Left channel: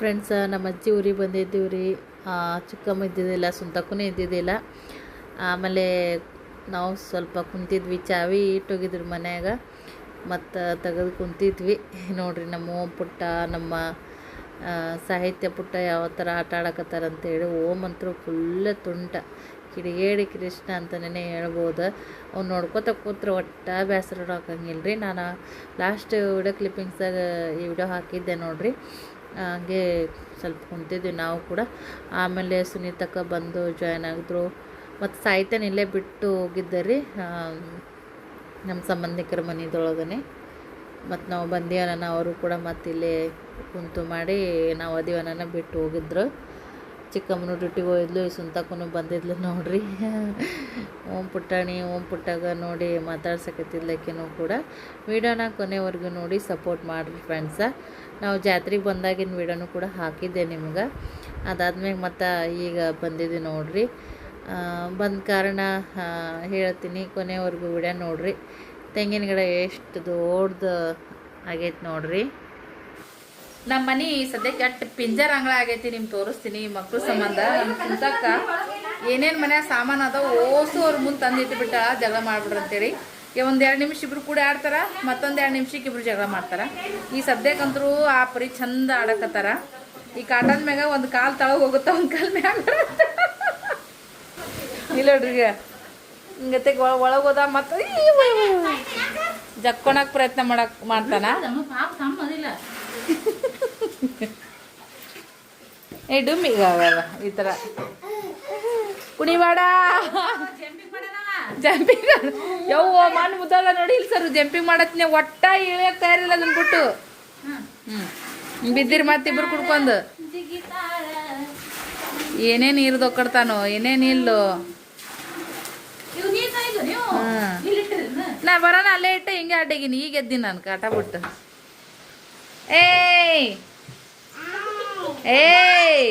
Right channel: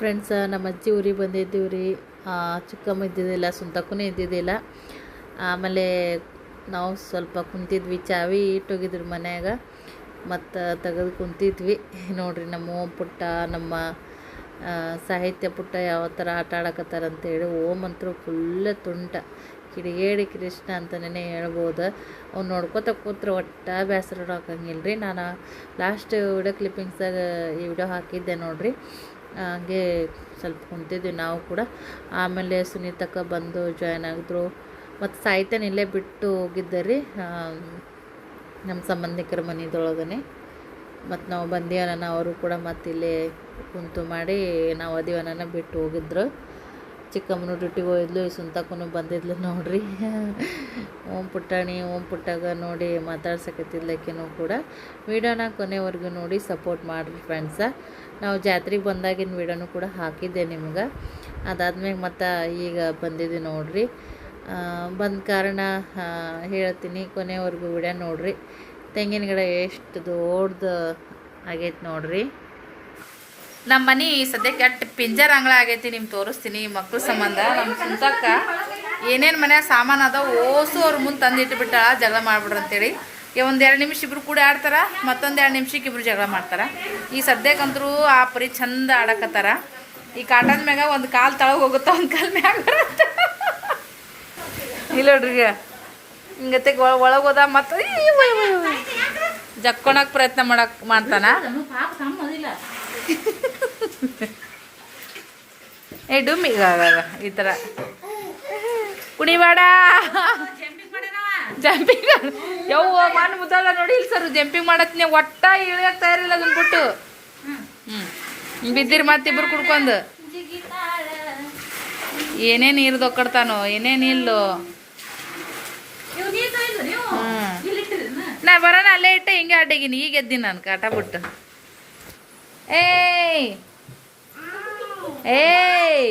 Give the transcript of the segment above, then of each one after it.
Friends ನಮ್ಮ ಅಜ್ಜಿ ಊರಿಗೆ ಬಂದಿದ್ದೀವಿ ರೀ. ಚಿಕ್ಕಮ್ಮ ಇದ್ದಿದ್ದಿಲ್ಲ ಸುಂತಕ್ಕೂ ಇದ್ದಿದ್ದಿಲ್ಲ. ಆಮೇಲೆ ನಾವು ಸ್ವಲ್ಪ ಕುಂತಿದ್ವಿ, ಚಾವಿ ಇಟ್ಟೋಗಿದ್ರು ಮನ್ಯಾಗ. ಮತ್ತು ತೆಗೆದು ಕುಂತಿದ್ವಿ. ನೋಡಿರಿ ನಮ್ಮ ಓಮ್ ಪುಟ್ಟ, ನಮ್ಮ ಸಾಹಿತ್ಯ ಪುಟ್ಟ ಯಾವ ಥರ ಆಟ ಆಡಕತ್ತಾರ ಅಂತೇಳಿ ಓಮ್ ಅಂತೂ ಫುಲ್ಲ ತುಂಟ. ಕಿಡಿಗೇಡಿ ಕೃಷ್ಣ ಅಂತಲೇ ಹೇಳ್ಬೋದು. ಅವ್ನು ನೋಡ್ಕೋತ ಕೂತ್ರೆ ಒಟ್ಟ ಬೇಸರ ಹಾಕಂಗಿಲ್ಲ ರೀ ನಾನು ಲಾಸ್ಟ್ ವಿಡಿಯೋ ಕ್ಲಿಪ್ಪಿಂಗ್ಸಾಗ ಈ ವಿಡಿಯೋ ಹಾಕಿದ್ದೆ ನೋಡ್ರಿ. ಹಂಗೆ ಸ್ವಲ್ಪ ಕುಂತಿದ್ವಿ ನಾವು ಕೂಡ. ಆಮೇಲೆ ಸುನೀತಕ್ಕ ಬಂದು ಜಾಯ್ನ್ ಆಗಿದ್ರು. ಮತ್ತು ಸಾಯ್ತಾನೆ ಇಲ್ಲೇ ಬಿಟ್ಟು ಹೋಗಿದ್ದೆ ರೀ ನಮ್ಮ ಸಂಬಂಧಿಕರ ಮನೆದೊಳಗನೆ. ಮತ್ತು ನಾವು ಬಂದೀವನ ಅವರು ಕೂಡ ಮತ್ತು ಇಲ್ಲೇ ಕುಂತು ಮಾಡಿ ನಾವು ಅದೀವನ ಬಿಟ್ಟು ಹೋಗಿದ್ರು. ಚಿಕ್ಕಮ್ಮನು ಡ್ಯೂಟಿಗೆ ಹೋಗಿದ್ಲು ಈ ಸುಂತಕ್ಕೂ ಬಂದಿದ್ಲು ನೋಡ್ರಿ. ಓಂ ಪುಟ್ಟಾಣಿ, ಓಂ ಪುಟ್ಟಾಗ ನೋಡಿ ಮಾತಾಡ್ಸಕತ್ತಿದ್ಲಕ್ಕಿನೂ ಕೂಡ. ವಿಡಿಯೋನ ಕೊನೆವರೆಗೂ ನೋಡಿ ಸಪೋರ್ಟ್ ಮಾಡಿರಿ ಫ್ರೆಂಡ್ಸ ನಾವು ಜಾತ್ರೆಗೆ ಬಂದಾಗಿನ ವಿಡಿಯೋನು ಕೂಡ ಹಾಕಿದ್ದೆ ನಿಮ್ಗೆ. ಅದಾದ್ಮೇಲೆ ಮತ್ತು ಈಗ ಬಂದಿದ್ದೆ ನೋಡ್ರಿ. ಬಂದ ಕಾರಣ ಹೇಳ್ತೀನಿ ಕೊನೆವರೆಗೂ ವಿಡಿಯೋ ನೋಡ್ರಿ. ತೆಂಗಿನ ಗಿಡ ಎಷ್ಟು ದೊಡ್ಡದು ಆಗೈತೆ ನೋಡ್ರಿ. ನಮ್ಮ ಮನೆ ಸದ್ಯಕ್ಕೆ ಅಟ್ ಪಿಂಜರ್ ಅಂಗಳ ಆಗೈತಿ ನಿಮ್ಗೆ ತೋರಿಸ್ತೀನಿ, ಮಕ್ಳ ಸಂಬಂಧ. ನಮ್ಮ ಸುಂದಕ್ಕ ಏನೇನು ಮನ್ಯಾಗ ಸಾಮಾನು ಅದಾವ ಓಸು ಅವ್ರ ಮುಂದೆ ತಂದಿಟ್ಟು ಇಟ್ಬಿಟ್ಟಾಳ ಜಗಳ ಮಾಡ್ಬಿಡ್ರಿ ಅಂತೇಳಿ ಒಂದು ಎರಡು ನಿಮಿಷ ಇಬ್ರು ಕೂಡ ಆಡ್ತಾರ, ಮತ್ತೊಂದು ಎರಡು ನಿಮಿಷಕ್ಕೆ ಇಬ್ರು ಜಗಳ ಮಾಡ್ತಾರ. ಈ ಸದ್ಯಕ್ಕಂತರೂ ಆ ಪರಿ ಚಂದ ಆಡಕತ್ತಾರ. ಈ ಕಾಟನ್ ಮ್ಯಾಗ ಒಂದು ಕಾಲು ತಳಗ ಹೋಗುತ್ತಾ ಒಂದು ಕಾಲು ಮ್ಯಾಗ ಇಲ್ಲ ನೋಡ್ರಿ ಹಿಂಗತೆ ಹಿಂಗತ್ತೆ ಒಳಗೆ ಹೋದ ಮತ್ತು ಪ್ರಯತ್ನ ಮಾಡಕ್ ಮಾಡ್ತಾನ. ಏ ಡುಮ್ಮಿ ಈ ಥರ ಕುಣಿಬೇಡ. ಜಂಪಿಂಗ್ ಯವ್ವ, ಮಣ್ಣು ಮುದ್ದಲ್ಲ ನೋಡಿ, ಇಲ್ಲಿ ಸರ್ ಜಂಪಿಂಗ್ ಮಾಡತ್ನೆ ಒಟ್ಟ ಇಳಿಯಕ್ ತಯಾರಿಲ್ಲ ಅದನ್ನ ಬಿಟ್ಟು ಹ್ಞೂ ಬಿದ್ದಿರಿ ಮತ್ತಿಬ್ರು ಕುಡ್ಕೊಂಡು. ಏನೇ ನೀರು ದೊಕ್ಕಡ್ತಾನೋ ಏನೇನು ಇಲ್ಲೋ. ಹ್ಮ್. ನಾ ಬರೋಣ, ಅಲ್ಲೇ ಇಟ್ಟೆ, ಹಿಂಗೆ ಅಡ್ಡಗಿನಿ. ಈಗ ಎದ್ದೀನಿ ನಾನು, ಕಾಟ ಬಿಟ್ಟು. ಏಯ್! ಏಯ್!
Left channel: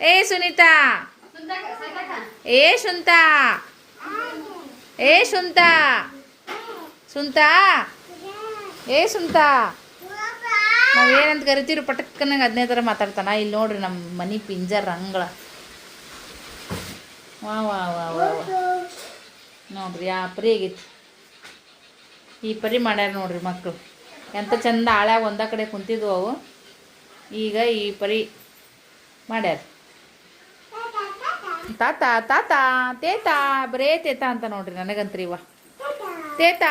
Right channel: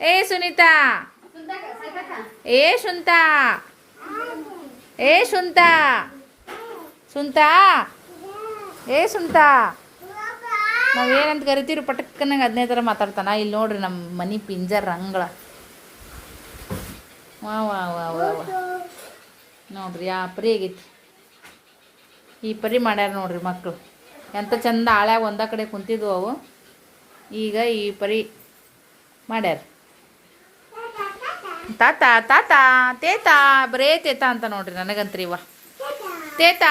ಏ ಸುನೀತಾ. ಏ ಸುಂತಾ ಏ ಸುಂತಾ. ಸುಂತಾ. ಏ ಸುಂತಾ. ನಾವು ಏನಂತ ಕರಿತೀವಿ ಪಟಕ್ಕನಾಗ ಅದನ್ನೇ ಥರ ಮಾತಾಡ್ತಾನ. ಇಲ್ಲಿ ನೋಡ್ರಿ ನಮ್ಮ ಮನೆ ಪಿಂಜರ್ ರಂಗಳ ವಾ ವಾ ವಾ ವಾ ವಾ. ನೋಡ್ರಿ, ಆ ಪರಿ ಆಗೈತಿ. ಈ ಪರಿ ಮಾಡ್ಯಾರ ನೋಡ್ರಿ ಮಕ್ಕಳು ಎಂಥ ಚಂದ ಆಳ್ಯಾಗ ಒಂದ ಕಡೆ ಕುಂತಿದ್ವು ಅವು. ಈಗ ಈ ಪರಿ ಮಾಡ್ಯಾರ. ತಾತ ತಾತ, ತೇತ, ಬರೇ ತೇತ ಅಂತ ನೋಡ್ರಿ ನನಗಂತ್ರಿ ಇವ. ತೇತ.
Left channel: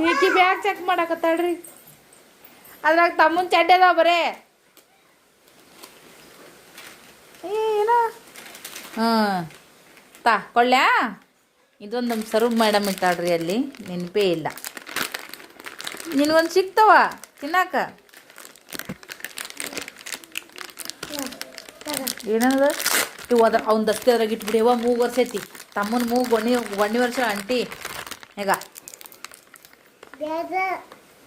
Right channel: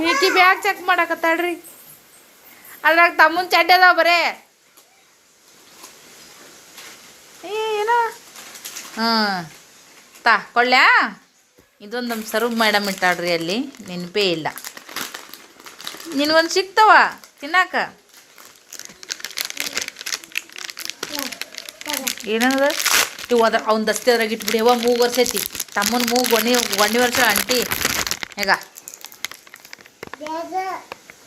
ಈಕಿ ಬ್ಯಾಗ್ ಚೆಕ್ ಮಾಡಕತ್ತಾಳ್ರಿ. ಅದ್ರಾಗ ತಮ್ಮನ ಚಡ್ಡದ ಬರೇ. ಏನ? ಹಾಂ. ತಾ, ಕೊಳ್ಳ್ಯಾ? ಇದೊಂದು ನಮ್ಮ ಸರ್ವ್ ಮೇಡಮ್ ಇಟ್ಟಾಳ್ರಿ ಅಲ್ಲಿ, ನೆನಪೇ ಇಲ್ಲ. ನಿನಗೊಂದು ಸಿಗ್ತಾವ ತಿನ್ನಾಕ? ಏನದ ಇವು ಅದ್ರ ಅವ್ನ ದಸ್ತಿ ಅದ್ರಾಗ ಇಟ್ಬಿಡಿ ಯವ್ವ ಮೂಗು ವರ್ಷೈತಿ ತಮ್ಮನ ಮೂಗು ಗೊಣ್ಣಿ ಗೊಣ್ಣಿ ವರ್ಷ ಅಂಟಿ ಈಗ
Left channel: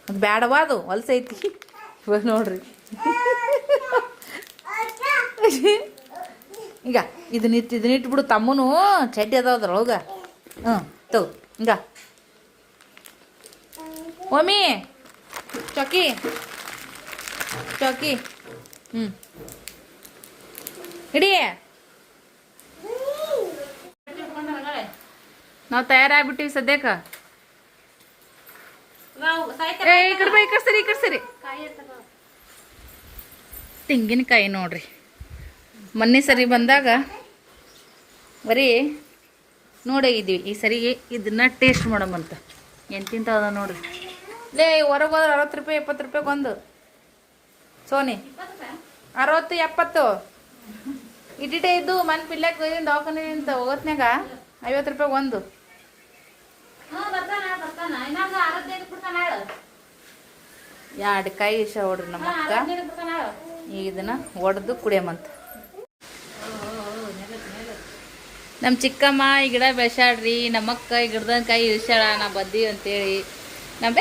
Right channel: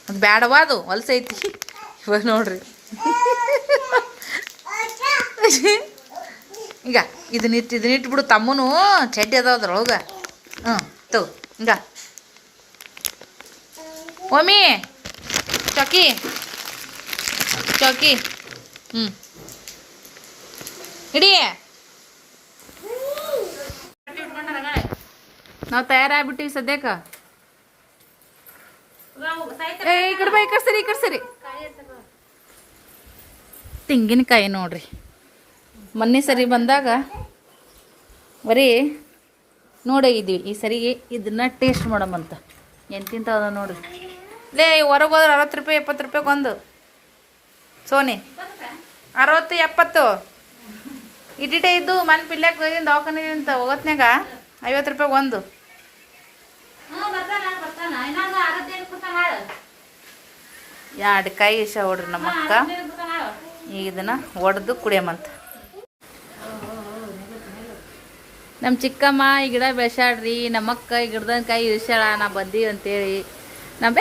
ಅದು ಬ್ಯಾಡವಾ ಅದು ಹೊಲ್ಸೈತಿ ಇವಾಗ ನೋಡ್ರಿ ಈಗ ಇದನ್ನ ಇಟ್ಟು ಇದನ್ನ ಇಟ್ಬಿಡು ತಮ್ಮನು ಚಡ್ಡಿ ಅದಾವ ಅದ್ರೊಳಗೆ ಹ್ಞೂ ತಗೋ ಹಿಂಗ ಒಮ್ಮಿ ಚೌಕಿ ಚೌಕಿ ಹ್ಞೂ ಹಿಡಿ ನಾವು ತಯಾರಾಗ್ಬಿಟ್ಟಿವಿ ಸದ್ಯಕ್ಕೆ. ಈ ಈ ಕಡೆ ಸರಿ, ಈ ಕಡೆ ಸರಿ. ತೆಂಗಿನಕಾಯಿ ನೋಡ್ರಿ. ಮೊನ್ನೆ ಸರಿ ಬಂದಾಗ ಬರೀ ನೋಡೋಗಿದ್ದೀವಿ. ಈ ಸರಿಗೆ ಇದನ್ನ ಟೇಸ್ಟ್ ಮಾಡಮಂತ ಎಂತಿಂತ ಅದ ನೋಡ್ರಿ. ಲೇ ಹೊರಗೆ ಹೋದ್ರೆ ಅರವತ್ತು ರೂಪಾಯಿ, ಎಪ್ಪತ್ತು ರೂಪಾಯಿಗೆ ಒಂದು. ಸೋನಿ, ಅರವತ್ತು, ಎಪ್ಪತ್ತು. ಇಟ್ಟಿಟ್ಟೆ ಇದ್ದು ಮನೆ ಪಿಲ್ಲಾಕ್ ಅಂತ ಹೋಗತ್ನಾಗ ಐವತ್ತು ರೂಪಾಯಿ ಒಂದು. ಎರಡು ಕಾಯಿ ಇಷ್ಟ ಹೊಡ್ರಿ ನಮ್ಮ ಅಕ್ಕ. ಈಗ ಇದನ್ನ ಒಡೆದು ಕುಡಿಯಮಂತ. ನಮ್ಮ ಚಿಕ್ಕಮ್ಮ ಈ ಗಿಡ ಬೆಳೆಸಾಡ್ರಿ ನಮ್ಮಕ್ಕ ಈ ಗಿಡದ ಕಾಯಿ ಇಳಿಸ್ಯಾಳ. ನಾ ಬಂದೀವಿ ಅಂತೇಳಿ. ನಮ್ಮ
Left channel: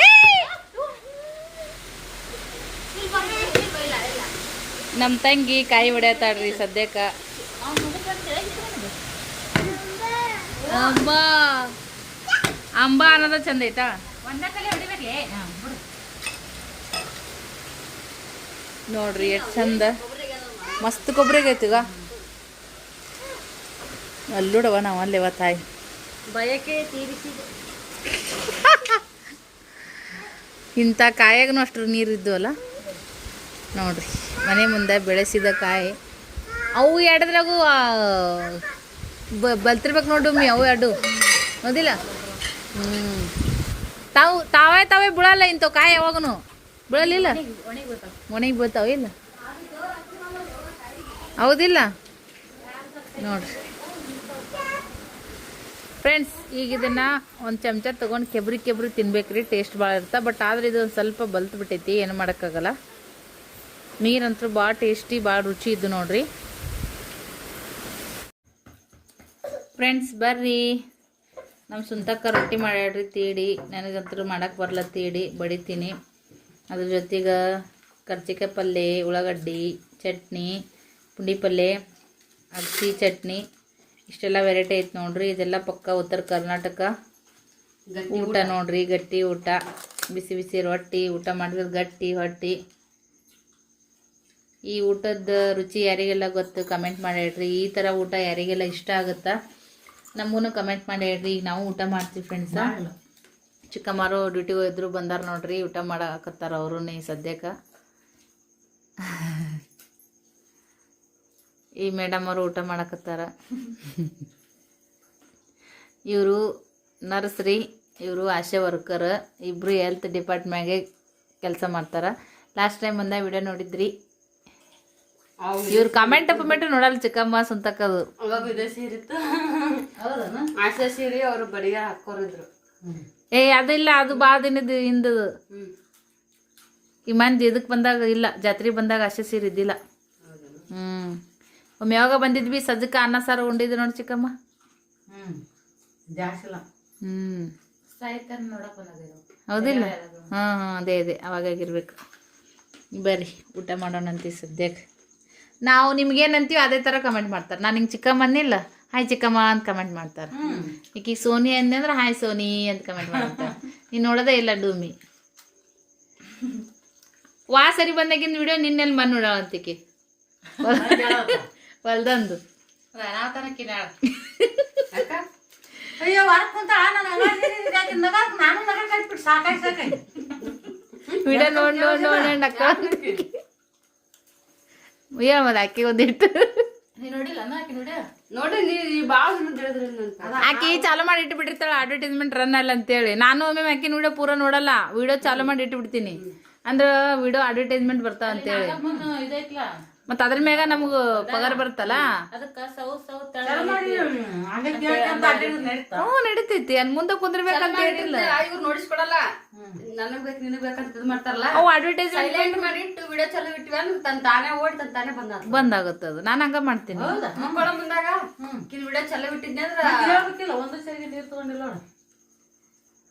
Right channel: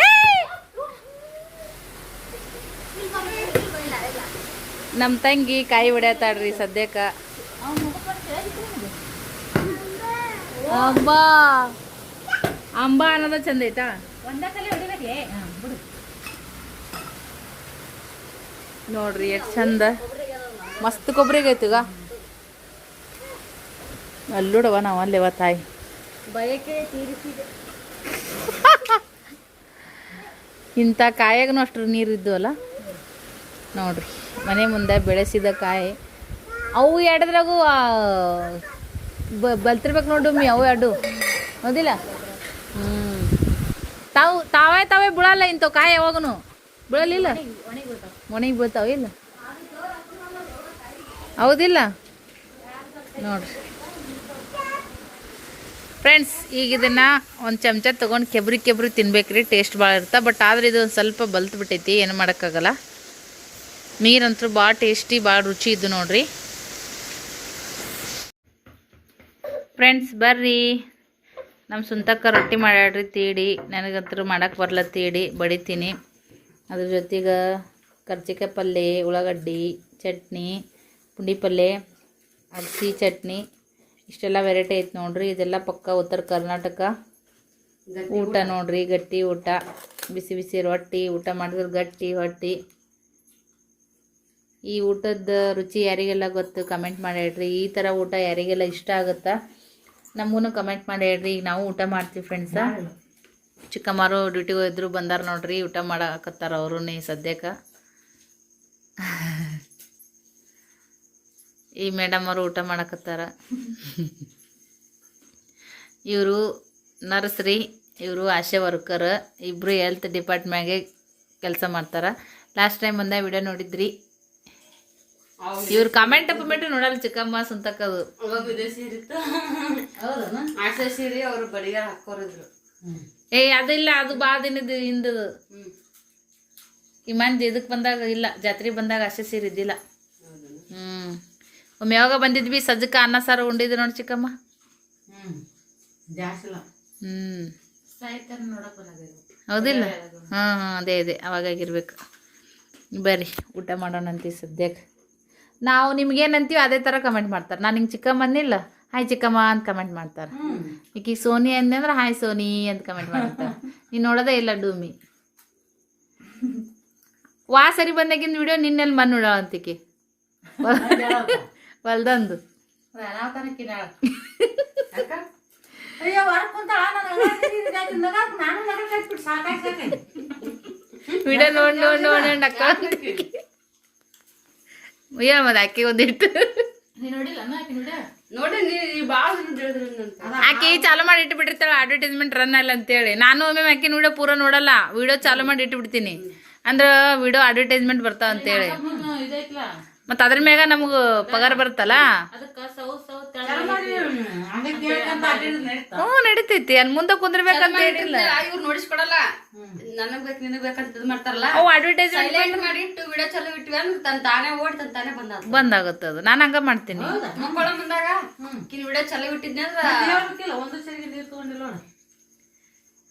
ನಮ್ಮ ತಂಗಿ ಕಾಯಿ ಹೊಡ್ಯಾತಾಳ್ರಿ ಸದ್ಯಕ್ಕೆ. ಅಂಬ. ಅಂಬ ಅನ್ನೋದ ಚಂದ ಐತಾ? ನೋಡ್ರಿ ಎಷ್ಟು ಚಂದ. ಮಸ್ತ್ ಕೊಬ್ಬರಿ ಐತಿಗ ಅಲ್ಲೂಡವ ನಾವು ಅಲ್ಲೇವ ತಾಯಿ. ಬಯಕೆ ತೀರಿಸಿದೆ. ಇಂಥ ಕಾಯಾಗನು ಅಷ್ಟು ನೀರು ಅಲ್ಲ ನೋಡ್ರಿ ಮನೆ ಮುಂದೆ ಬೆಳೆಸಿದ ಕಾಯಿ. ಅವು ಎರಡದ್ರಾಗೂ ಬಲ್ತಿರ್ಬೇಕು ನೋಡು ಮಿ, ಅವು ಎರಡು. ಹೌದಿಲ್ಲ? ತಾವು, ತಾವೇ ತಾವೇ ಬಿಡಲ್ಲ ಇಂಥವು ಕಾಯಿ ಯಾವಾಗನು? ಬಿಡಲಿಲ್ಲ ಮನೆಗೆ ಬೀಳ್ತಾವ ಇಲ್ಲ? ಹೌದಿಲ್ಲ? ನೋಡ್ರಿ. ಫ್ರೆಂಡ್ಸ್, ಈಗ ಇದನ್ನ ಒಂದು ಚಮಚ ತೊಗೊಂಡು ಕೆಬ್ರಿ ಕೆಬ್ರಿ ತಿನ್ಬೇಕ್ರಿ. ಟೇಸ್ಟ್ ಭಾಳ ಇರುತ್ತೆ ಬಟ್ ಆದ್ರೆ ಇದು ಸ್ವಲ್ಪ ಬಲ್ತು ಬಿಟ್ಟೈತಿ. ಏನು ಮಾಡೋಕ್ಕಾಗಲ್ಲ. ನೀರಂತೂ ಭಾಳ ಟೇಸ್ಟಿ, ಭಾಳ ರುಚಿ ಇದ್ದು ನೋಡ್ರಿ. ಫ್ರೆಂಡ್ಸ್ ಬರ್ರಿ. ನಮ್ಮ ಸುಂತಕ್ಕ ರೊಟ್ಟಿ ಮಾಡ್ಯಾಡ್ರಿ ತೀಡಿ. ನನಗಂತೂ ಮಾಡಕ್ಕೆ ಬರಲ್ಲ ತೀಡಿ. ಬಡಿತೀನಿ. ಅದ್ರ ಜೊತೆಗೆ ಕರ್ಜಿಕಾಯಿ ಪಲ್ಯ ಉಳ್ಳಾಗಡ್ಡಿ ಚಟ್ನಿ ಪುಂಡಿ ಪಲ್ಯ ಅಗಸಿ ಚಟ್ನಿ. ಇಷ್ಟೆಲ್ಲ ವೆರೈಟಿ ಐತೆ ನೋಡ್ರಿ. ಇದೆಲ್ಲ ಪಕ್ಕ ಉತ್ತರ ಕರ್ನಾಟಕ. ಊಟ ನೋಡ್ರಿ ಗಟ್ಟಿ ಊಟ. ಬಿಸಿ ಬಿಸಿ ರೊಟ್ಟಿ ಊಟ ಮಾಡಿದ್ರೆ ಗಟ್ಟಿ ಹೊಟ್ಟಿ. ಈ ಊಟದ ರುಚಿ ಯಾರಿಗೆಲ್ಲ ಗೊತ್ತು ಕಮೆಂಟ್ ಮಾಡಿ ಹೇಳ್ರಿ ಈ ಥರ ಊಟ ಯಾರಿಗೆಲ್ಲ ಇಷ್ಟ ಆಗುತ್ತಾ? ನಮಗೂ ಕಮೆಂಟ್ ಮಾಡಿ ಹೇಳ್ರಿ ಈಗ ನಾವು ಊಟ ಮಾಡ್ತೀವಿ ಫ್ರೆಂಡ್ಸ ಚಿಕ್ಕಮ್ಮರು ಡ್ಯೂಟಿಗೆ ಹೋದ್ರು ಬಂದಾರ ನೋಡ್ರಿ ಊಟ ಮಾಡಕತ್ತಾರ ಅವರು ಸದ್ಯಕ್ಕೆ. ಈ ಮೇಡಮ್ ಅವರು ಊಟ ಮಾಡಕತ್ತಾರ. ಇವರು ನರ್ಸ್ ರೀ ಇವರು ಆಶಾ ವರ್ಕರ್ ಇಬ್ಬರು ಹೆಲ್ತ್ ಡಿಪಾರ್ಟ್ಮೆಂಟ್ಗೆ ಕೆಲಸ ಮಾಡ್ತಾರೆ. ಲಾಸ್ಟ್ ಟೈಮ್ ಒಂದೇ ವಿಡಿಯೋ ನೋಡಿದ್ರಿ ಇವ್ರು ಕಮೆಂಟ್ ಪಮೆಂಟ್ ನೋಡಲ್ಲ ಚಿಕ್ಕಮ್ಮ ಸುಂತಕ್ಕದು. ಅವಾಗ ಇದೇ ಇತ್ತು. ಆಶಾ ಸೀರೆ ಅವ್ರು ಬಡಿಗಾರ ಹಾಕೋರಿದ್ರು ಏ ಅದಿಲ್ಲ ಅದು ಬಾ ದಿನದ ಹಿಂದದು ಇಮಾನ್ ಈ ಮಂದಿ ಇದಕ್ಕೆ ಬಂದಾಗ ಇಲ್ಲ ಜಾತ್ರೆ ಬಂದಾಗ ಅಷ್ಟೇ ಸೀರೆ ಇದ್ದಿಲ್ಲ. ಹ್ಮ್. ಒಮ್ಮೆ ಯಾವಾಗ ಬಂದಿದ್ವಿ? ಸಜ್ಜಕ ಅನ್ನ ಸಾರು ಉಂಡಿದ್ರು ನೋಡಿ ಚಿಕ್ಕಮ್ಮ. ಹ್ಮ್. ಹೌದಿಲ್ಲ ಹ್ಮ್. ಹ್ಮ್ ಅದೇ ಅದೇ. ಅವಾಗಾಗಿರ್ಬೇಕು ಬರ್ರಿ ಊಟ ಮಾಡೋಣಂತೀವಿ ಸದ್ಯಕ್ಕೆ ನಾವು ನಿಮ್ಗೇನಂತೀವಿ ಅದೇ ಥರ ಕಮೆಂಟ್ ಮಾಡ್ತಾರೆ. ನಾನು ಹಿಂಗೆ ಚಿಕ್ಕಮ್ಮನಿಲ್ಲ ಹಾಯ್ ಚಿಕ್ಕಮ್ಮ ಅಂತ ಕಮೆಂಟ್ ಮಾಡ್ತಾರೆ. ಈಕಿ ಸೋನಿ ಅಂದೆ ಅಂದ್ರೆ ಹಾಯ್ ಸೋನಿ ಅಂತ ಕಮೆಂಟ್ ಮಾಡ್ತಾರೆ. ನೀನು ನೋಡೋದೇ ಇಲ್ಲ ಡೂಮಿ. ವಾ ಸರಿ ಬಂದಾಗಿಂದ ವಿಡಿಯೋ ನಿನ್ನೆಲ್ಲಿ ಮನ್ ನೋಡೋ ಅಂತಿಕಿ ಹೊಲ್ದಂದು. ವಿಡಿಯೋ ನೋಡಿ ನೋಡಿ ನೋಡಿ ಅಕ್ಕ. ಏನ್ ಮತ್ತೆ ಅಕ್ಕಿ ಒಂದಿಟ್ಟು ನೋಡಿ. ಆಕಿ ಚಾಲು ಮಾಡಿ ಇಟ್ಟು ಬಿಟ್ಟಿರ್ತಾಳೆ ಅಡ್ವರ್ಟೈಸ್ಮೆಂಟ್ ರನ್ ಅಲ್ಲ ಅಂತೇಳಿ. ನಾನು ಒಮ್ಮೆ ಆಕಿ ವಿಡಿಯೋ ಪೂರ ನೋಡಲ್ಲ ವಿಡಿಯೋ ಚಾಲು ಮಾಡಿ ಇಟ್ಟು ಬಿಡ್ತೀನಿ ಅಂದ್ರೆ ವಿಡಿಯೋ ಅಡ್ವರ್ಟೈಸ್ಮೆಂಟ್ ಬರ್ತಾವ ಅಂತೇಳಿ. ಮತ್ತೆ ಅದ್ರ ಮ್ಯಾಗ ನಮಗ ಪಗಾರ ಬರುತ್ತಲ್ಲ? ಅದಕ್ಕೆ ಸೌ ಸೌ ನಡೀತಾ? ಹ್ಞೂ ನಡೀತೈತಿ. ಅಲ್ಲಿ ಮುಂದೆ ಕುಂದ್ರಬೇಕಂತ ಹೇಳಿಲ್ಲ ಇವ್ರು ನೋಡಿಸ್ಕೊಡಲ್ಲ ನನಗ್ ಬೇಕು ನಿನಗ್ ಬೇಕಂತ ಇದು ಮಾಡ್ತಾರಲ್ಲ. ಅವು ಅಡ್ವರ್ಟೈಸ್ಮೆಂಟ್ ಮಾಡಿ ಇಟ್ಟು ವಿಡಿಯೋ ಚಲೋ ಇಟ್ವಿ ಅಂದ್ರೆ ತನ್ ತಾನೇ ಓಡಿ ತನ್ ತಾನೇ ಬಂದ ಬಂದಾಗುತ್ತೆ ಅದು. ನಾನು ಹಂಗ ಮಾಡ್ತೀನಿ. ಮಕ್ಕಳ ಮುಂದಾಗ ಕಿನ್ ವಿಡಿಯೋ ಚಲೋ ಇಟ್ಟಿದ್ನೆ ಅಂದ್ರೆ ಒಂದು ಸರಿಗೆ ನೀರು ತಗೊಂಡಿಲ್ಲ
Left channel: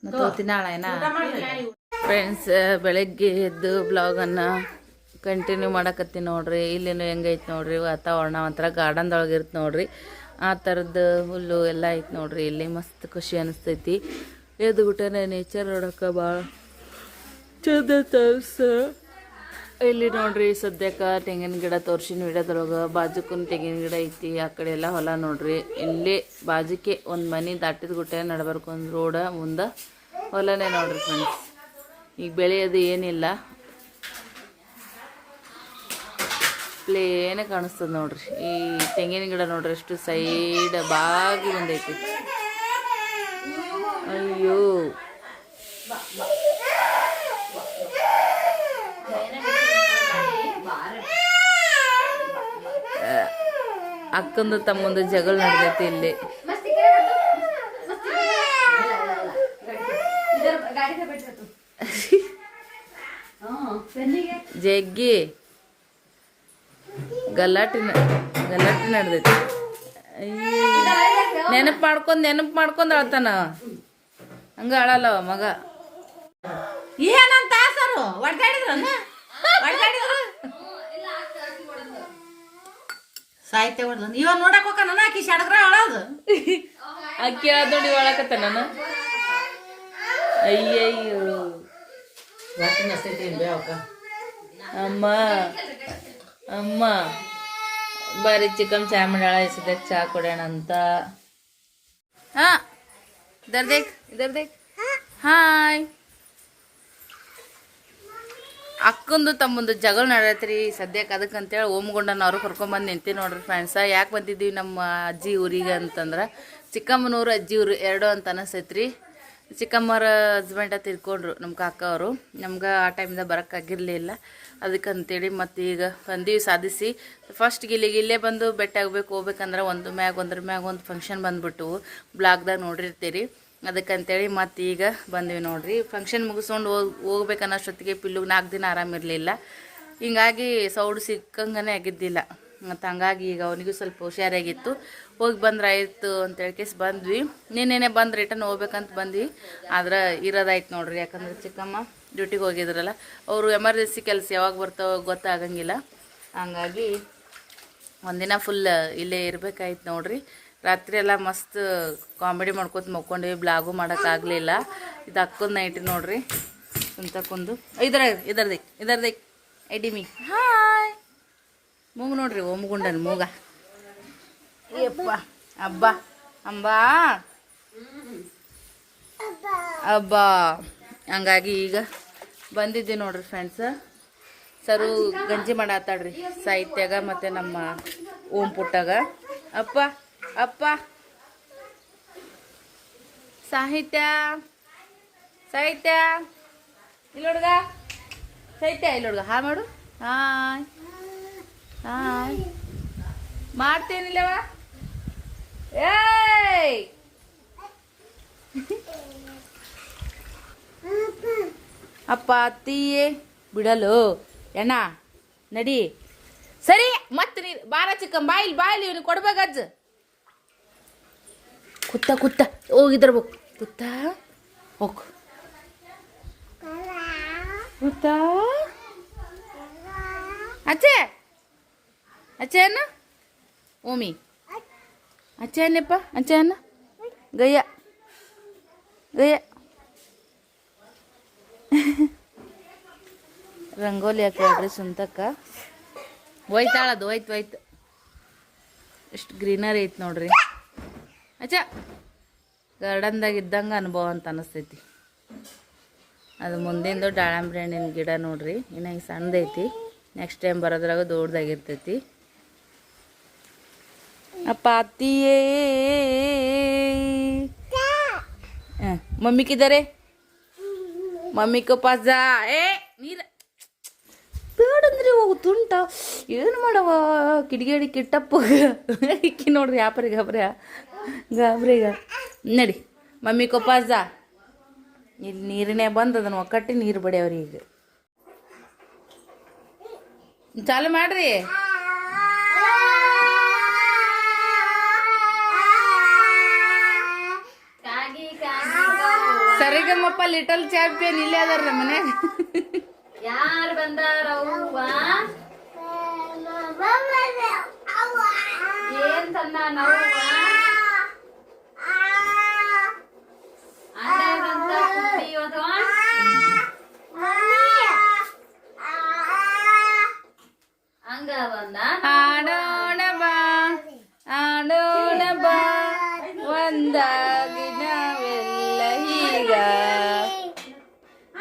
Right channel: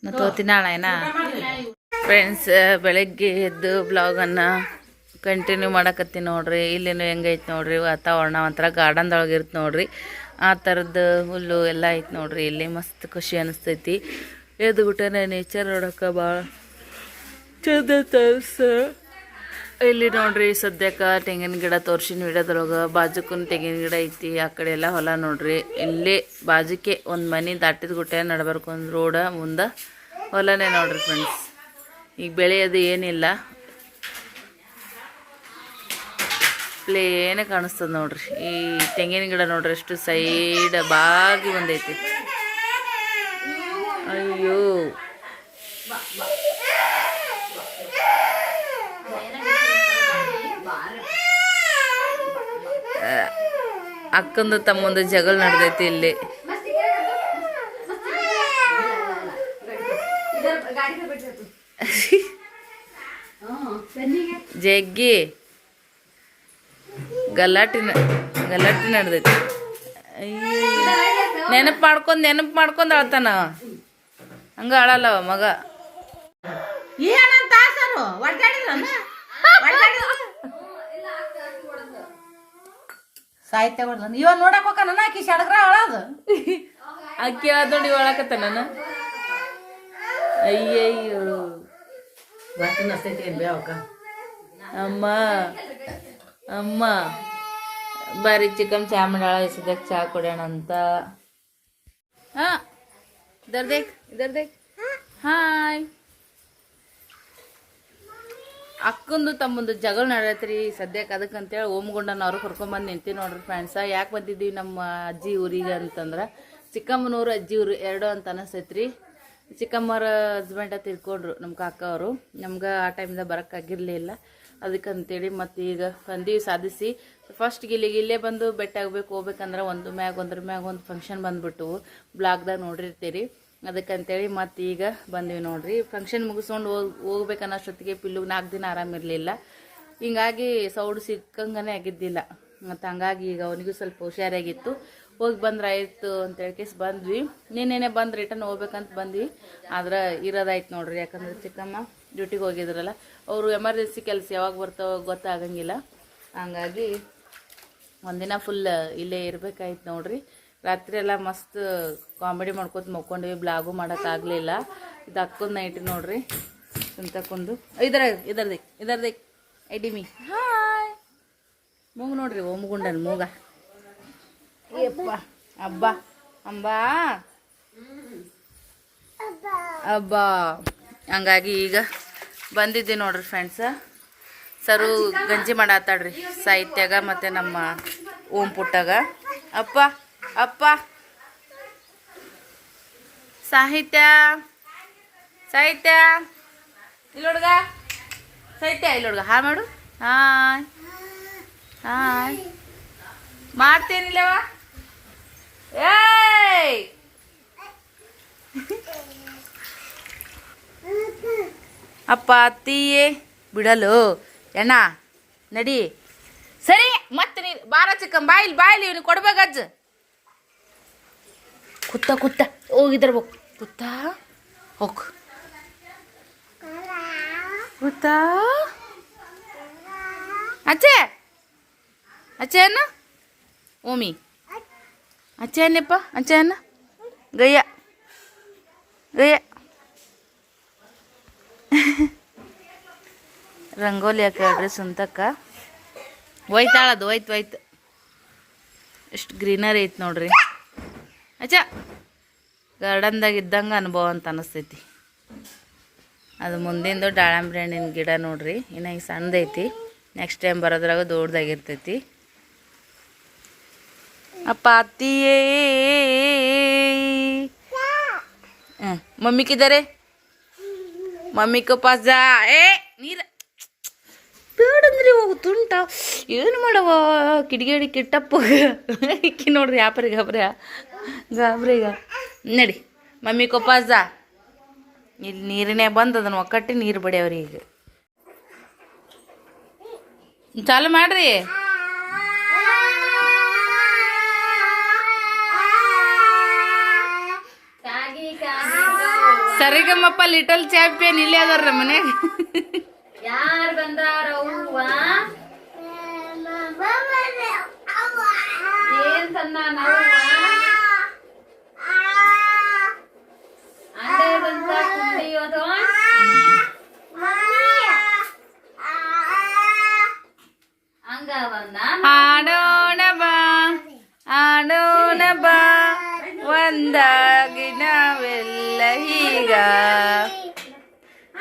ನಾ ತೋತೀನಿ ನಾಳೆನಾ? ಫ್ರೆಂಡ್ಸ್ ಬೆಳಗ್ಗೆ ಎದ್ದು ಬ್ಲಾಗನ್ನು ಕಂಟಿನ್ಯೂ ಮಾಡಕತ್ತೀನಿ ನೋಡ್ರಿ. ಇಲ್ಲಿನೂ ಹೆಂಗೈತೆ ನೋಡ್ರಿ. ವಾತಾವರಣ ಒಂಥರ ಗಾರ್ಡನ್ದೊಳಗೆ ಇರುತ್ತೆ ನೋಡ್ರಿ. ಆ ಥರದ್ದು ಹುಲ್ಲು ಎಲ್ಲ ಐತೆ ನೋಡ್ರಿ. ಇಲ್ಲಿ ಮಸ್ತ್ ಖುಷಿ ಅನಿಸ್ತೈತಿ. ಎದ್ದು ಬಿಟ್ಟನೆ ನೇಚರ್ ನೋಡೋಕೆ ಭಾಳ ಚಂದ ತರ್ಸ ಇಲ್ಲಿ ನೋಡ್ರಿ ಸದ್ಯಕ್ಕೆ ತೆಂಗಿನ ಗಿಡ ತೋರ್ಸಿನ ಗಿಡದೊಳಗೆ ಬಾಜುಕುನ್ ತೆಂಗಿನ ಗಿಡ ಐತಿ. ಆ ಕಡೆ ಎಲ್ಲ ಹೊಲ ನೋಡ್ರಿ. ಇಲ್ಲಿ ಬಾಜುಕೆ ಒಂದು ಮನೆ ದಾಟಿದ ಗುಟ್ಟೆ ನಡ್ಬರ್ಕು ಒಂದು ರೋಡ ಮುಂದೆ ಹೊಲನೇ ನೋಡ್ರಿ ಫ್ರೆಂಡ್ಸ್ ಈಗ ಬೆಳೆಯೋದು ಏನಿಲ್ಲ. ಪ್ಲೇನೇ ಕಾಣಿಸ್ತದ ನೋಡ್ರಿ. ಈ ತೆಂಗಿನ ಗಿಡ ನೋಡ್ರಿ ಎಷ್ಟು ಸೈಡ್ ಬಾಗಿ ಬಂದೈತಿ. ಅಯ್ಯೋ. ಅಕ್ಕಂದು ತಮ್ಮಂದು ಜಗಳ ನಡೆದೈತಿ ಇಲ್ಲಿ. ಜಗ್ಗಿ. ಗಲಾಟೆ ನ- ಗಲಾಟೆ ನಡೆದೈತಿ. ನೆನಪು ಮಾಡ್ಕೊಂಡು ನೆನಪು ಮಾಡ್ಕೊಂಡು ಅಳ್ತಾನ ಹಂಗ ಅಳಲ್ಲವ ಮಗ. ಸಾಹಿತ್ಯ ಇವ ನೋಡಕ್ ಆಕಿ ಸಡಗ್ರ ಅಳೋದು ಅಕ್ಕಿ ನೋಡಿ ಒಳಕತ್ತ ನಾನು ಅಯ್ಯಯ್ಯೋ. ಅಮ್ಮ. ಅಮ್ಮ ಬಾರಿ ಚಿಕನ್ ಚಾಮಂಡಾಳ ಮಾಡಾಳ ಇಸದಕ್ಕೆ ಚಾ ಕೊಡೋಣ ಅಂತ ಹಾ ಇದರ್ ದೇಕ್ ಇದರ್ ದೇಕ್ ಹಾಯ್. ಅಕ್ಕಂದು ತಮ್ಮಂದು ಜಗಳ ನಡೆಯತ್ರಿ ಸದ್ಯಕ್ಕೆ ಅದಕ್ಕೆ ಅಂತೇಳಿ ಓಮ್ಗೊಂಡನ ಅವ್ರು ಕರ್ಕೊಂಬಂದು ನಿಂತಿ ನೋಡ್ರಿ ಫ್ರೆಂಡ್ಸ ಯಾಕೆ ಬಂದಿದ್ದೀವಿ ನಮ್ಮ ಅಜ್ಜಿ ಊರಿಗೆ ಅಂತಂದ್ರೆ ಚಿಕ್ಕಮ್ಮನವರು ಅಜ್ಜಿ ಊರು ಎರಡು ಅಂತ ಅನಿಸ್ತೈತ್ರಿ. ಚಿಕ್ಕಮ್ಮರ ಹಸ್ಬೆಂಡ ತಿರ್ಕೊಂಡ್ರು ನಮ್ಮ ಕಾಕ ಅವರು. ನಮ್ಗೆ ಆ ಟೈಮ್ದಾಗ ಬರೋಕ್ಕಾಗಿರಲಿಲ್ಲ ಅದಕ್ಕೆ ಅಂತೇಳಿ ಮತ್ತು ಈಗ ಬಂದೀವಿ ಸಾಧಿಸಿ. ಫಸ್ಟ್ ಇಲ್ಲಿಗೆ ಇಲ್ಲೇ ಬಂದು ಬೆಟ್ಟ ಆಗಬೇಕು ಹೋಗ್ಬೇಕಂದ್ರೆ ಒಂದು ಮ್ಯಾಗ, ಒಂದ್ರ ಮ್ಯಾಗ ಒಂದು ಫಂಕ್ಷನ್ ಬಂದ್ಬಿಟ್ಟು ಬ್ಲಾಗ್ದಾಗ ನೋಡಿರ್ತೀರಿ. ಅದಕ್ಕಂತೇಳಿ ಮತ್ತು ಈಗ ಬಂದ್ವಿ ನೋಡಿರಿ. ಫಂಕ್ಷನ್ ಮುಗಿಸ್ಕೊಂಡು ಹೋಗಿ, ಹೋಗ್ಬೇಕನ್ನೋಷ್ಟೊತ್ತಿಗೆ ಪಿಲ್ಲುಗೆ ನಾಲ್ಕು ದಿನ ಆರಾಮಿರಲಿಲ್ಲ ಹಿಂಗಾಗಿ ಸೌಡು ಸಿಕ್ಕಂಗನೇ ಆಗಿದ್ದಿಲ್ಲ. ಮತ್ತು ಹಂಗಾಗಿ ಈಗ ಅವನಿಗೂ ಸ್ವಲ್ಪ ಹುಷಾರಾಗಿತ್ತು. ಹೋಗಿ ಬಂದ್ರೆ ಆಯಿತು ಅಂತೇಳಿ ಕೇಸ್ ಬಂದ್ವಿ. ನಿನ್ನೆನೆ ಬಂದು ರಿಟರ್ನ್ ಹೋಗ್ಬೇಕಂತ ಬಂದ್ವಿ. ಆದ್ರೆ ಇರೋದಾಯ್ತು ನೋಡ್ರಿ. ಯಾಕಂದ್ರೆ ಚಿಕ್ಕಮ್ಮ ಡ್ಯೂಟಿಗೆ ಹೋಗಿದ್ರಲ್ಲ ಅವರು ಎಮರ್ಜೆನ್ಸಿ ಕೆಲಸ ಯಾವಾಗ ಬರ್ತಾವೋ ಗೊತ್ತಾಗಂಗಿಲ್ಲ. ಹಂಗಾಗಿ ಒಂದಿನ ಫುಲ್ ಇಲ್ಲೇ ಇರಬೇಕಾಯ್ತು ನೋಡ್ರಿ. ರಾತ್ರಿ ಎಲ್ಲ ಮಸ್ತ್ ಕಾಮಿಡಿ ಮಾಡ್ಕೊತ ಮಕ್ಕೊಂಡ್ವಿ ಬ್ಲಾಗು ಮಾಡೋಕ್ಕಾಗಲಿಲ್ಲ ಇದು ಅಕ್ಕೊಂದು ನೈಟ್ ನೋಡ್ರಿ. ಕುಂದು. ಇದರ ಇದರದಿ ಇದರದಿ. ಐಡಿಮಿ ಹಾಯ್ ಮೂಗು ನೋಡ್ರಿ ಓಮಗುಂಡನ್ ಮೂಗ. ಯಪ್ಪ ಅಬ್ಬಾ ಅಂಬಾ. ಅಬ್ಬಾ. ಹಂಗಾಗಿ ಈಗ ಬಂದಿದ್ದೆ ನೋಡ್ರಿ ಫ್ರೆಂಡ್ಸ ಸರು ಗಂಜಿ ಮಾಡಾತಾಡ್ರಿ ಸಾಹಿತ್ಯಾಗ ಮತ್ತು ನಮ್ಮ ಓಂ ಪುಟ್ಟಾಗ. ಅಪ್ಪ ಅಪ್ಪ. ಸಾಹಿತ್ಯ ಸಾಹಿತ್ಯ. ಇಲ್ಲೊಡ್ಗ ಸಾಹಿತ್ಯ ಹುಡುಗ. ಹಾ ಮಾಡು. ಹಾಯ್. ಹಾಯ್. ಮಾಡ್ತೇನಿಲ್ಲವ ಏಯ್! ಅಪ್ಪ ಅತ್ತಿಯೇ ಬಿಡಲು. ಎಣ್ಣ, ನಡಿ. ಸರಿ, ಮತ್ತೆ ನೀ ಬಾರ ಚಿಕ್ಕನ್ ಬಾಯಿಲ್ ಬಾಯಿಲಿ ಇವನು ಕೊಡ್ಬೇಕಜ್ಜ ಕುತ್ತ ಕುತ್ತ. ಹೋಗಿದ್ರ ಬೋ. ಕುತ್ತ, ಹೋಗ್. ಕುತ್ತ. ಅಚ್ಚೆ. ಅಚ್ಚೆ ಅನ್ನ ಓಮಿ. ಅಚ್ಚೆ ಅನ್ನಪ್ಪ ಅಚ್ಚೆ ಅನ್ನ ಗಯ್ಯ. ಗಯ್ಯ. ರಂಗೋಲಿ ಹಾಕ್ಯಾಳ್ರಿ ಸುಂತಕ್ಕ. ಹೋಯ್ತಾಳದು ಒಯ್ತು ಹೋಯ್ತು ಎಷ್ಟು ಗ್ರೀನರಿ ಐತೆ ನೋಡ್ರಿ. ಅಚ್ಚ ಗಾರ್ಡನ್ದಾಗ ಇದ್ದಂಗೆ ಅನುಭವ ಅಂತ ಅನಿಸ್ತೈತಿ. ಅದು ಮುಂದಿಂದು ದಾಳಂಬ್ರಿ ಹಣ್ಣಿನ ಗಿಡ ನೋಡ್ರಿ. ಇನ್ನು ಈಗ ಸಣ್ಣದೈತಿ ನೆಕ್ಸ್ಟ್ ಟೈಮ್ ಬರೋದ್ರಾಗ ದೊಡ್ಡದಾಗಿರ್ತೈತಿ ಅಪ್ಪ, ಅತ್ತಿಯೇ. ಹ್ಞೂ ಮಮ್ಮಿಕಿದ್ದಾರೆ ಮಮ್ಮಿ ಪಾಸ್ ಜಾ ಏ, ನೀರ. ಬೇಡಂದ್ರೆ ಹೋಗು ತುಂಟ. ಏನು ಮಾಡವ ಕಿಡಿಗೇಡಿ ಕಿಟ್ಟಪ್ಪ. ಇಕ್ಕಿ ನೋಡ್ರಿ ಯಾಪರಿ ಗಾಬ್ರಿ. ಗಾಬ್ರಿಗ ನಡಿ. ಮಮ್ಮಿ ಕೊಪ್ಪಾಸ್ ಜಾ ಇಲ್ಲಿ ನೀರಿನೇ ಬಂದು ಅದನ್ನು ಒಕ್ಕಟ್ಟಿ ನೀರು ಬಡಿಯವ್ರಿ ಈಗ. ಚಾಲು ಮಾಡ್ರಿ. ಸರಿಗಮ್ಮಪ್ಪ ಲಿಟಲ್ ಚಾಂಪಿಯನ್ ಇಲ್ಲೇ ಅದಾರ ಮನ್ಯಾಗ ಯಾರ್ ಯಾರು ಏನ್ ತಂದ ಅಂದೇದಂತ ಕುಡಿಯೋದು ಹಂಗ ಬಂದ?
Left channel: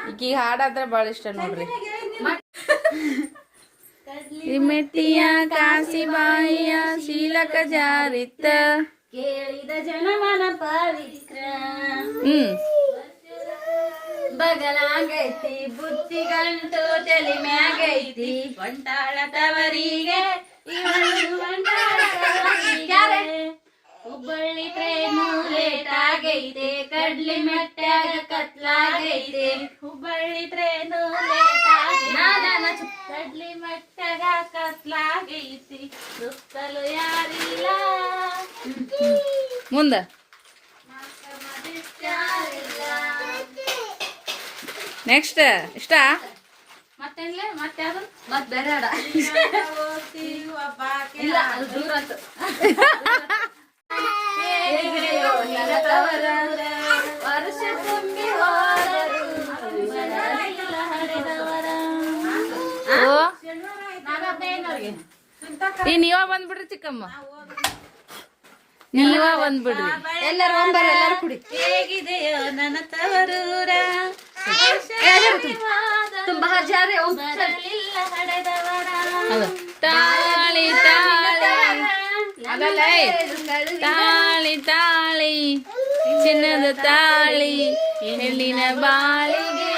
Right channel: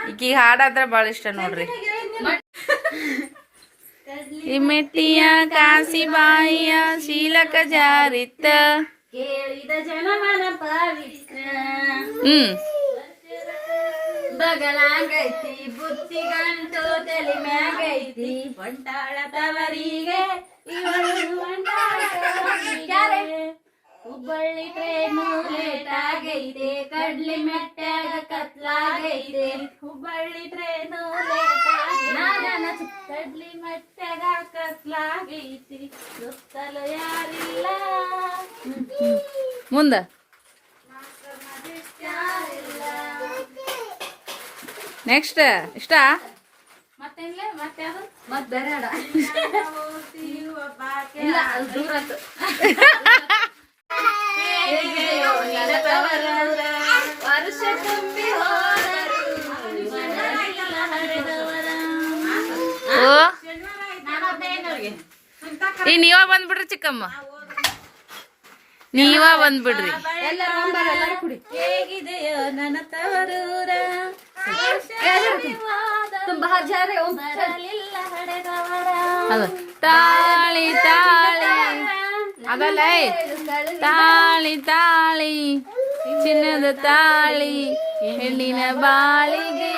ಈಕಿಗೆ ಹಾಡಾದ್ರೆ ಭಾಳ ಇಷ್ಟ ನೋಡ್ರಿ ಮೆಟ್ಟಿಯ ಕಾಸಿಬಾಯಿಯ ಶೀಲಕ ಜಾರಿತ್ತ ಕೇಳಿದ ಜನಮನ ಪವಿತ್ರ ಹ್ಮ್ ಬಗಲಾಗೈತಿ ಬುತ್ತಿ ಗಂಟು ತಲೆ ಮ್ಯಾಗೈತಿ ಹೊಂಟಾಳ ತವರಿಗೆ ಇವಳು ಹೊಂಟಾಳ ತವರಿಗೆ. ಹುಬ್ಬಳ್ಳಿ ಟ್ರೈನು ಲೇಟ್ ಆಗೈತೆ ಕಡ್ಲಿ ಮೆಟ್ಟಾಗ ಕತ್ಲಾಗೈತೆ. ಹುಬ್ಬಳ್ಳಿ ಟ್ರೈನು ಲೇಟ್ ಆಗೈತೆ ಕಡ್ಲಿ ಮೆಟ್ಟಾಗ ಕತ್ಲಾಗೈತಿ. ಸುತ್ತಲು ಯಾರಿಲ್ಲ. ಮುಂದ. ನೆಕ್ಸ್ಟ್ ಇಷ್ಟ? ಮತ್ತೆ ಮತ್ತೆ ಅದು ಮತ್ತೆ ಬೇರೆ ಇಲ್ಲ ಅದು ದೂರ ಈಗ ನೀವ ಬಂದ್ಬಿಡ್ರಿ ಚಿಕ್ಕಮ್ಮ. ನೀವ ಬಂದ್ಬಿಡ್ರಿ. ಹೇಗಿದೆಯೋ ನನ್ನ ತವರೂರ? ತುಂಬ ಹಜಾರೆ ತಾಳಿ ತಾಳಿ. ತಾಳಿ ತಾಳಿ ಚಿನ್ನದ ತಾಳಿ ಹೆಣ್ಣಿನ ಬಾಳಿಗೆ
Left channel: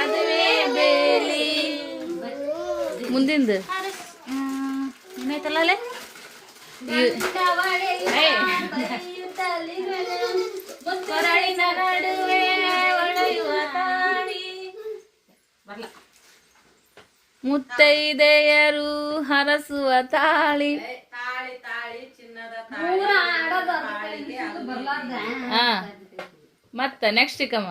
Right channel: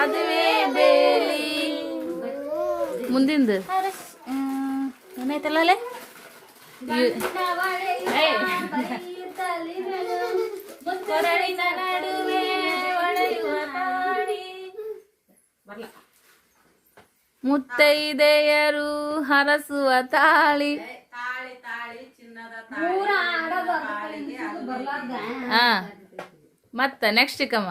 ಅದುವೇ ಬೇಲಿ. ಮುಂದಿಂದು. ಏನಾಯ್ತಲ್ಲ ಮುತ್ತೈದೆಯರು ಹರಸುವ ತಾಳಿ. ಹಾ. ಮತ್ತ ನೆಕ್ಸ್ಟ್ ಚಿಕ್ಕಮ್ಮ.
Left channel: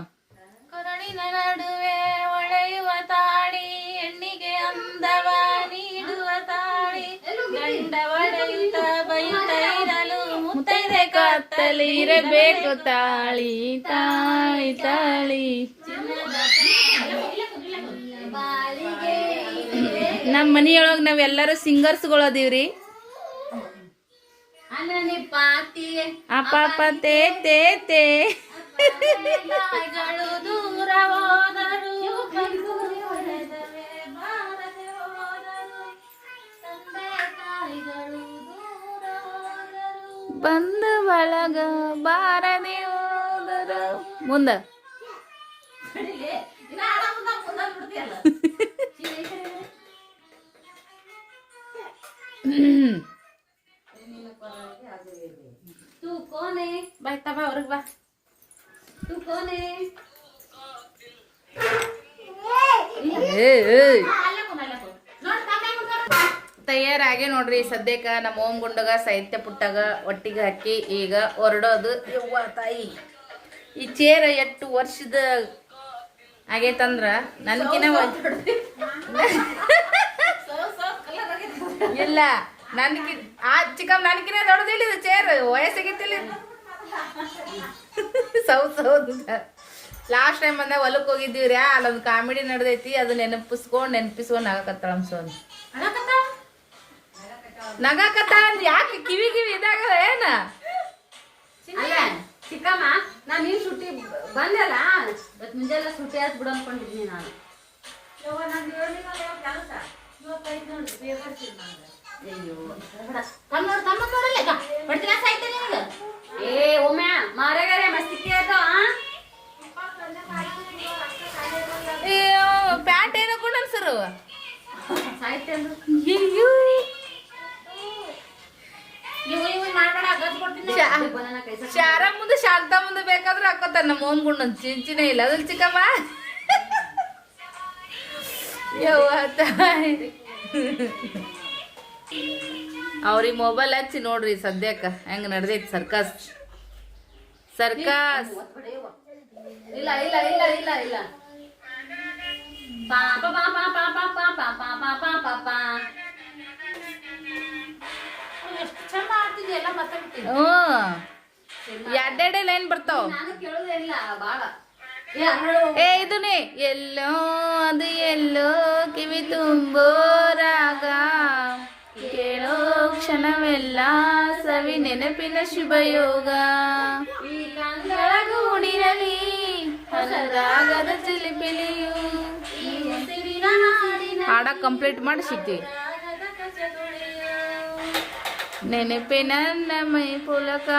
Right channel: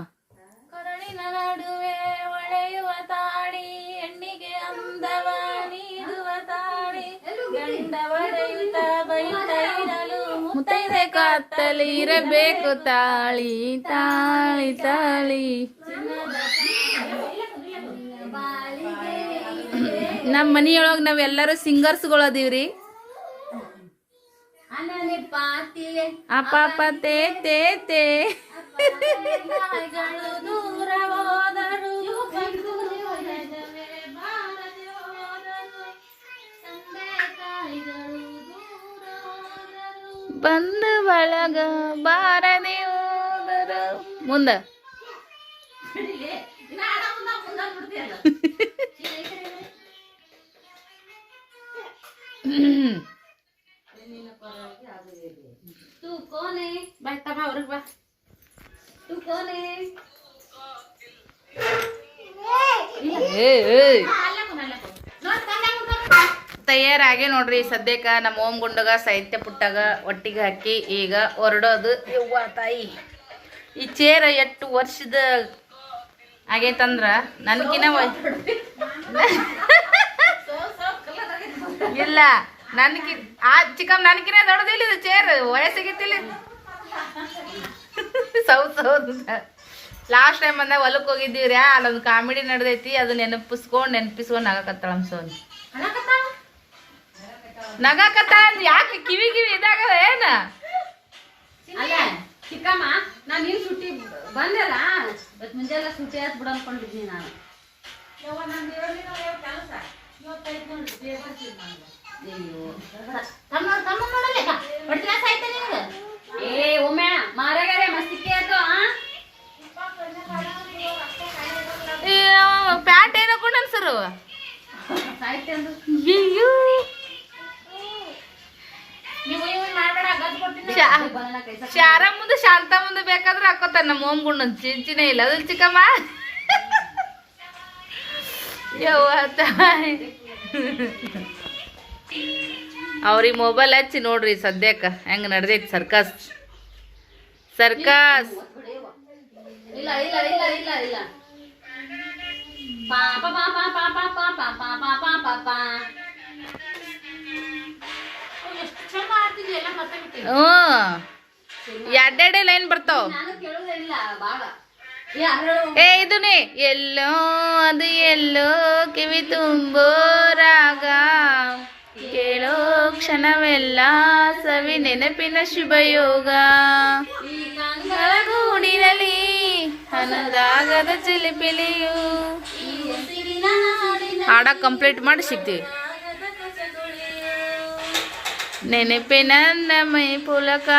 ಕೊರಳಿನ ನಡುವೆ ಒಳೆಯುವ ತಾಳಿ ಹೆಣ್ಣಿಗೆ ಅಂದವ ನೀಡುವ ತಾಳಿ ಗಂಡ ಒಡೆಯುತ್ತ ಬೈತೈರಲು ಇರಲು ಮುತ್ತೈದೆ ಕತ್ತಲಿ ಇರಬೇಕು ತಾಳಿ ತಾಳಿ ತಾಳಿ. ನಮ್ಮ ಮನಿಯೊಳಗೆ ನಾವೆಲ್ಲರೂ ಸಿಂಗರ್ಸ್ಗಳು ಅದೀವ್ರಿ. ಅಪ್ಪ ತೇ ತೇ ತೇ ದೂರ ಹೋದರು ಬಂದ ಬಳಗ ಬಾರದೆ ಹೋದರು. ಮುಂದ. ಬಾಯ್ ತಮ್ಮ ಅವ್ರಿಗೆ ಬಾ ತಯಾರಾಗಿ ನೋಡ್ರಿ ಸದ್ಯಕ್ಕೆ ನಮ್ಮ ಓಮ್ ಗುಂಡಗ ಸಾಹಿತ್ಯ ಪುಟ್ಟಾಗ ಒಟ್ಟಿಗೆ ಹಾಕಿ ಈಗ ಹೊರಡೋದು. ಯವ್ವ ತಾಯಿ. ಈ ಚೇರ್ ಎಷ್ಟು ವರ್ಷದ ಆಗೈತಂದ್ರ ನನ್ಗಿನ ಇಲ್ಲ. ನನ್ಕಿ ಆ ಚಿಕ್ಕಮ್ಮ ನನಗಿನ ದೊಡ್ಡದಿಲ್ಲ ಇದು ಚೇರ್ ವಯಸ್ಸಿಗಿತ್ತಿಲ್ಲ. ಸೌತ್ ಸೌತ್ ಲಾಸ್ಟ್ ಟೈಮ್ ಬಂದಾಗ ಹೊಲಕ್ಕೆ ಹೋಗಿದ್ದೀವಿ ರೀ ಅಲ್ಲೊಂದು ಕಾಮಿಡಿ ನಡೆದೈತಿ ಅದು ನೆನಪಿಸ್ಕೊಂಡು ನೆನಪಿಸ್ಕೊಂಡು ನಗಕತ್ತಾಳ ಅನ್ಸೋನ್ ನಗಕತ್ತ ಯಾಕೆ ಕಿವಿ ಕಿವಿ ಇದಾಗ ಏನ? ಅಲ್ಲ ಚಿಕ್ಕಮ್ಮ ನಾನು ನೀನು ಸುಟ್ಟಿ ಬಂದಲ್ಲ ಇವತ್ತು ಮುಂಜಾನೆ ಸುಟ್ಟಿ ಹಾಕಿ ಬಿಡು ಅನ್ಕೊಂಡಿದ್ದೀನಿ ನಾನು. ಅಯ್ಯೋ ಕಣ್ಣು ನೋಡ್ ಕಣ್ಣು ನೋಡಲ್ಲ ಈಗ ಹೊಡ್ತಿನ ಸಾಯ್ತಲ್ಲ ನಿನಗೆ? ಏ ಒಮ್ಮೆ ಮಾರೇಗಾರೆ ಮಸ್ತಿಕ್ಕೆ ಅದು ಆ? ಪ್ಯಾಂಟ್ ಏನೋ ಕೊಂಡು ಅನ್ಸರು ಅಯ್ಯೋ. ಶಾರ ಮುಂದೆ ಶಾಂತ ಮುಂದೆ ಬೇಕಾದ್ರೆ ಹಾಕೋತಾರ ನಮ್ಮ ಓಮ್ ಗುಂಡು. ಚಿಂಚಿನೇ ಇಲ್ಲ. ಅದ್ರ ಚಿಕ್ಕಮ್ಮ? ಯವ್ವ ತಾಯಿ. ಅವ್ರಿಗೆ ಮೊಬೈಲ್ ಹಚ್ಚಿ ನೋಡ್ರಿ ಸದ್ಯಕ್ಕ ಹೆಂಗ್ ನಡ್ದೈತಿ ಸರ್ಕಸ್ ಸರ್ಕಸ್ ಹ್ಞೂ ಎರಡೆರಡೆ ಲೈನ್ ಬರ್ತಾವ ಏ ಇದನ್ನೇ ಎಲ್ಲೋ ಅದು ಎಲ್ಲೋ ಕಿವಿ ತುಂಬೋ ರಾಗ ಕೇಳೋ ಕ್ಷಣವೆಲ್ಲ ಸವಿ ನೆನಪಿನ ಶುಭಯೋಗ. ಈ ಕಂಗಳ ಗೂಡಿನಲ್ಲಿ ಹನದಾಗದ ಚಿಲಿಪಿಲಿಯು. ಹಾಡ ಕಂಪ್ಲೀಟ್ ಮಾಡಿ ಸಿಗ್ತೀವಿ. ನೆನಪೆ ನನ್ನ ಮೈ ಪುಲಕ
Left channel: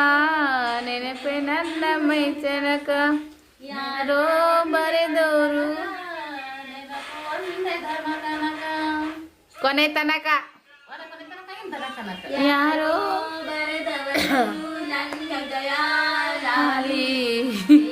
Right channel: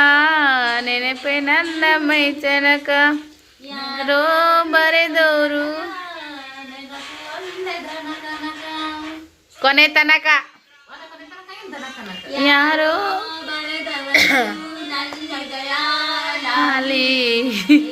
ನೆನಪೆ ನನ್ನ ಮೈ ಚನಕ ಯಾರೋ ಧನಕನಕ. ಕೊನೆ ತನಕ. ಯಾರೋ?